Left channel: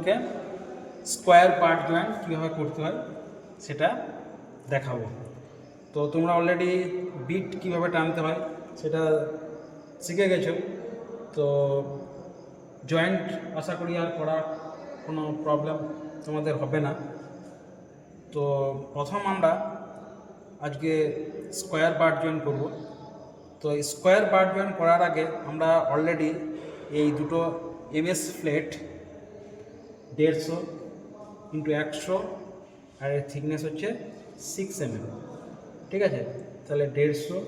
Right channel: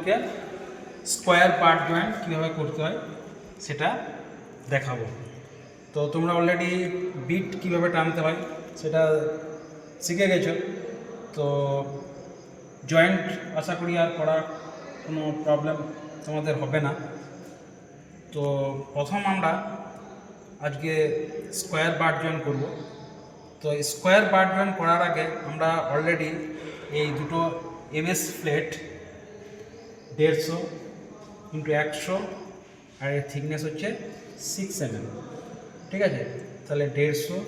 তোমাদেরকে square part joint কীভাবে করতে হয় সেটা দেখাবো। তো তোমরা অলরেডি বিট কীভাবে টানতে হয় সেটা শিখে গেছো। তো জয়েন্ট আশা করি আর করা কোনো প্রবলেম তোমাদের হবে না। তো প্রথম আমরা আজকে স্কোয়ার পার্ট জয়েন্ট করব। তো স্কোয়ার পার্ট জয়েন্ট করার আগে আমরা অলরেডি এই দুটো এমএস প্লেট 150 ইন্টু 100 আর এর থিকনেস হচ্ছে 6 mm, ঠিক আছে? তাহলে 150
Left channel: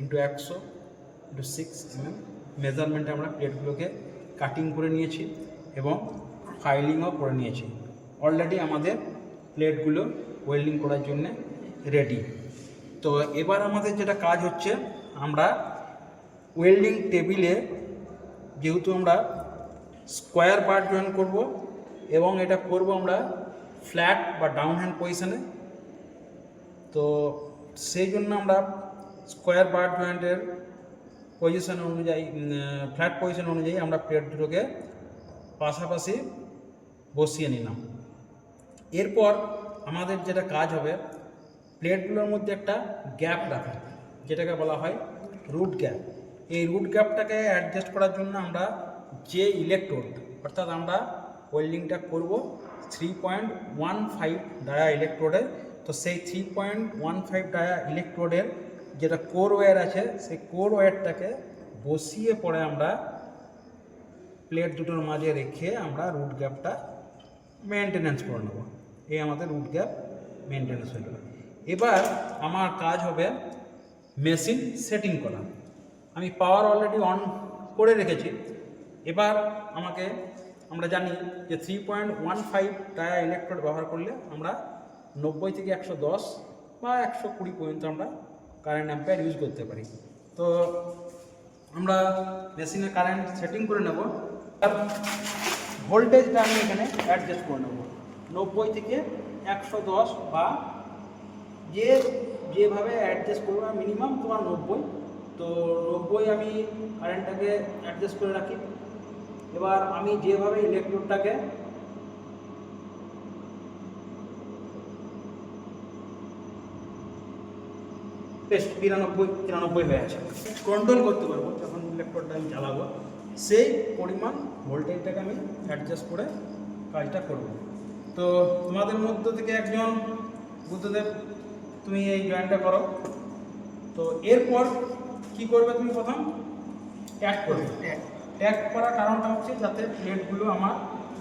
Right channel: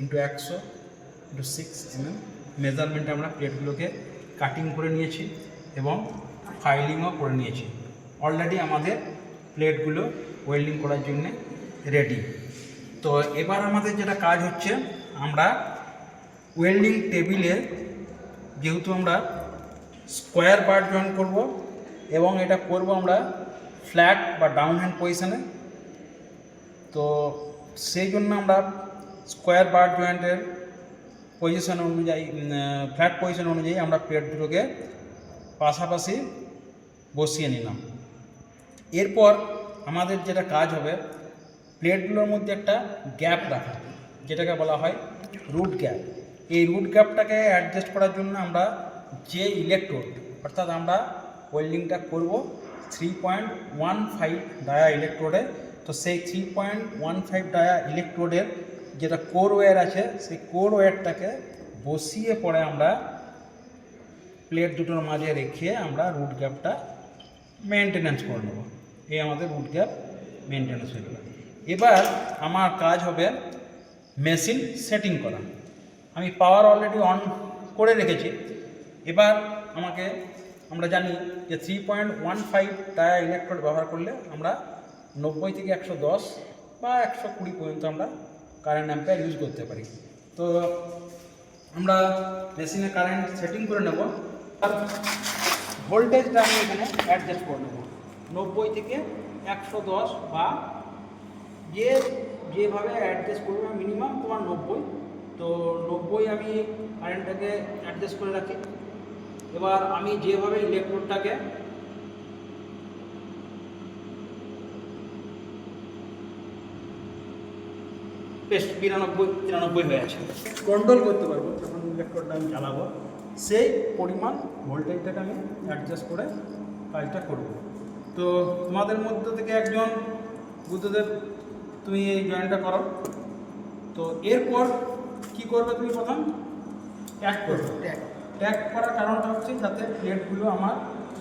ইন্টু 100 ইন্টু 6 mm মেজারমেন্টে আমরা প্লেটগুলোকে কাটিং করে নিয়েছি এবং ফাইলিংও করে নিয়েছি। অলরেডি আমাদের প্লেটগুলো ওয়েল্ডিং করার জন্য রেডি। তো এবার আমাদের যেটা কাজ হচ্ছে, আমরা ওয়েল্ডিং টেবিলে যেহেতু আমরা স্কোয়ার পার্ট জয়েন করব এবং এটা করব আমরা ফ্ল্যাট বা ডাউন হ্যান্ড পজিশানে, তো সেই জন্য আমরা স্কোয়ার পার্ট জয়েন্টের পজিশন অনুযায়ী, ফ্ল্যাট পজিশন অনুযায়ী আমরা প্লেট দুটোকে পাশাপাশি বসিয়ে নিলাম। এরপর আমাদের যেটা কাজ হবে, প্লেটগুলোর মধ্যে একটা গ্যাপ রাখা, যেটাকে বলা হয় রুট গ্যাপ। এই রুট গ্যাপটাকে অ্যাডজাস্ট করার জন্য আমরা যে ইলেকট্রোড, অর্থাৎ আমরা ওয়েল্ডিংটা করব 3.15 ডায়া ইলেকট্রোডে, তো সেই 3.15 ডায়া ইলেকট্রোডের যেটা কোর ওয়্যার আছে, সেই কোর ওয়্যারটাকে বসিয়ে পরে আমরা প্লেট দুটোর মাঝে রেখে আমরা রুট গ্যাপটা মেনটেনেন্স করে নেব। এই আমাদের রুট গ্যাপ মেনটেনেন্স হয়ে গেল। এবার আমার কাজ হবে মেশিন সেটিং করা। আমি পাওয়ার অলরেডি অন করে রেখেছি। এবার আমরা জানি যে 3.15 ডায়া ইলেকট্রোড ব্যবহার করলে আমরা 90 থেকে 110 বা 120 পর্যন্ত আমরা কারেন্ট অ্যাম্পিয়ার ইউজ করতে পারি। তো আমরা মেশিনে কারেন্ট সেটিং করে নেব। ভোল্টেজটা আমি এখানে অ্যাডজাস্ট করে নেব 90 থেকে 110 বা যেভাবে অ্যাডজাস্ট করবে, মিনিমাম তোমার 90। তো 90 আমি কারেন্টটাকে অ্যাডজাস্ট করে রাখি। এবার আমি যেভাবে ইলেকট্রোডটাকে বেশ 92-93 হয়ে আছে, কন্ট্রোল করতে পারবো যখন ইলেকট্রোডটা আমি জ্বালাবো, সেই পরিমাণ ভোল্টেজটাকে আমি অ্যাডজাস্ট করে কাজটা করব। তো তোমাদের মধ্যে থেকে একজন বুদ্ধদেব, তুমি এই জয়েন্টটা করো। তো এরপর কি করবে, তুমি প্রথম ট্যাগ করবে। ট্যাগ করার কারণটা হচ্ছে যাতে প্লেটগুলো আমার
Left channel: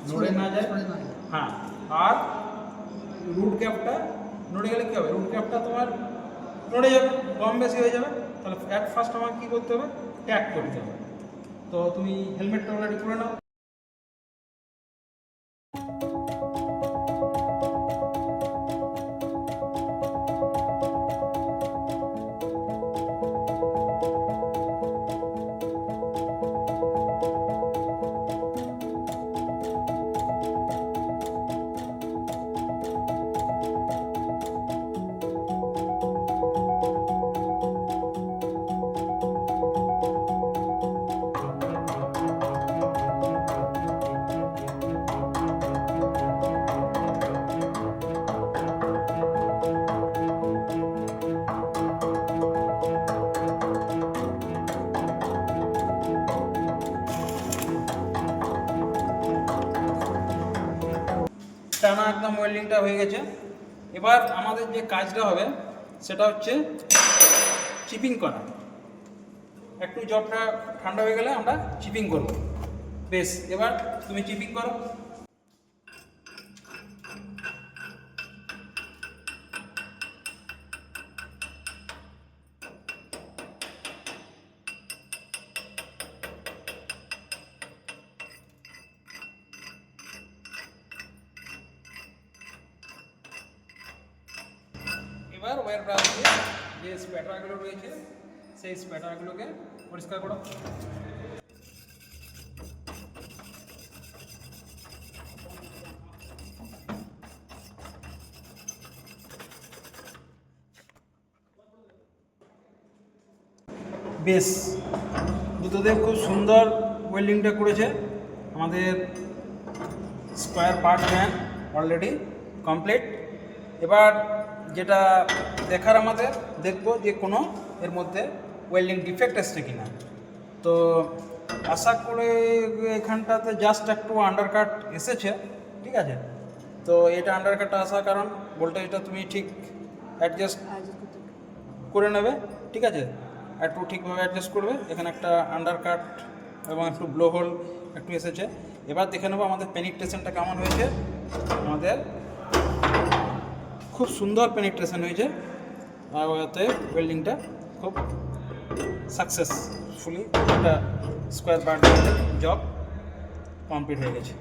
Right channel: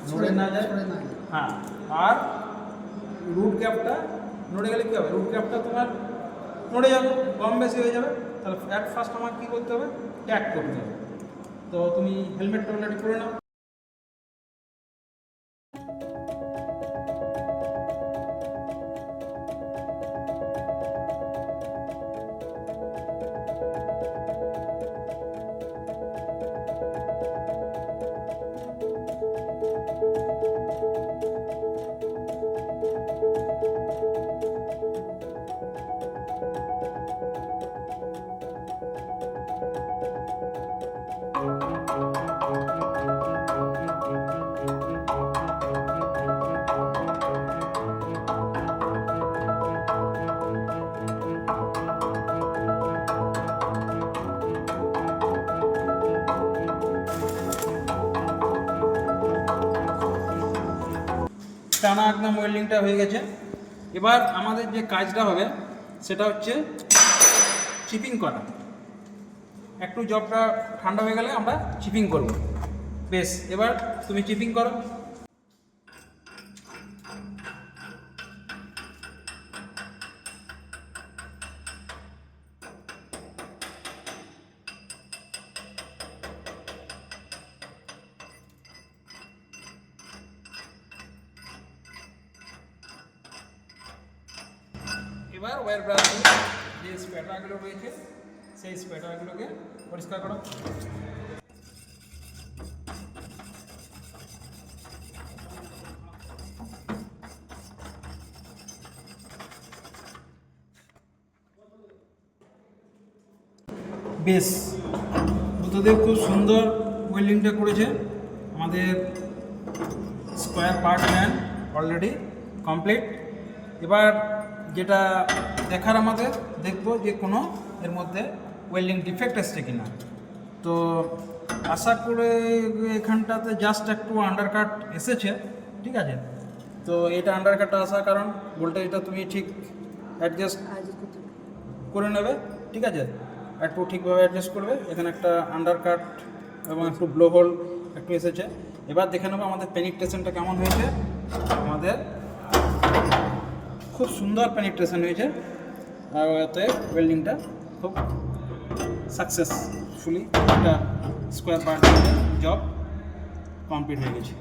নড়ে না যায়। হ্যাঁ, আর রুট গ্যাপটা নড়ে গেলে কী হবে, রুট গ্যাপটা তোমার নড়ে যাবে, কম বেশি হয়ে যাবে। তাহলে ফার্স্ট আমাকে কী করতে হবে, ট্যাগ করতে হবে। তো তুমি হেলমেটটা অলরেডি করে নাও। টানা একদম ওয়েল্ডিংটা হয়ে গেছে। এবার আমাদের যে কাজটা হবে সেটা হচ্ছে চিপিং করা। একটু জবটা ঠান্ডা হয়ে গেলে আমরা চিপিং করব। বেশ, এবার তুমি চিপিং করো। এবার ওয়্যার ব্রাশ দিয়ে যে স্প্যাটারগুলো রয়েছে সেই স্প্যাটারগুলোকে পরিষ্কার করো। বেশ, বুদ্ধদেব খুব সুন্দর ওয়েল্ডিংটা করেছে। আমাদের square part joint already complete. এবার যেটা দেখার আমাদের দেখবো যে কোনো এর মধ্যে ওয়েল্ডিং ডিফেক্ট এসছে কিনা। তো আশা করে এখানটাতে জাস্ট একটু আন্ডারকাট এসেছে, ঠিক আছে। তো এটা আন্ডারকাটটা আসার কারণ ভোল্টেজটা তুমি ঠিক অ্যাডজাস্ট করে নেবে, ঠিক আছে, একটু ঠিকভাবে অ্যাডজাস্ট করবে। এখানে একটা আন্ডারকাট এবং একটু ব্লো হোল একটু এসেছে। এবার দেখে নেবো আমাদের পেনিট্রেশনটা কেমন হয়েছে। আমাদের খুব সুন্দর পেনিট্রেশন হয়েছে, ওতে ওয়েল্ডিংটা খুব সাকসেসফুলি একটা স্কোয়ার পার্ট জব কমপ্লিট হয়ে গেছে।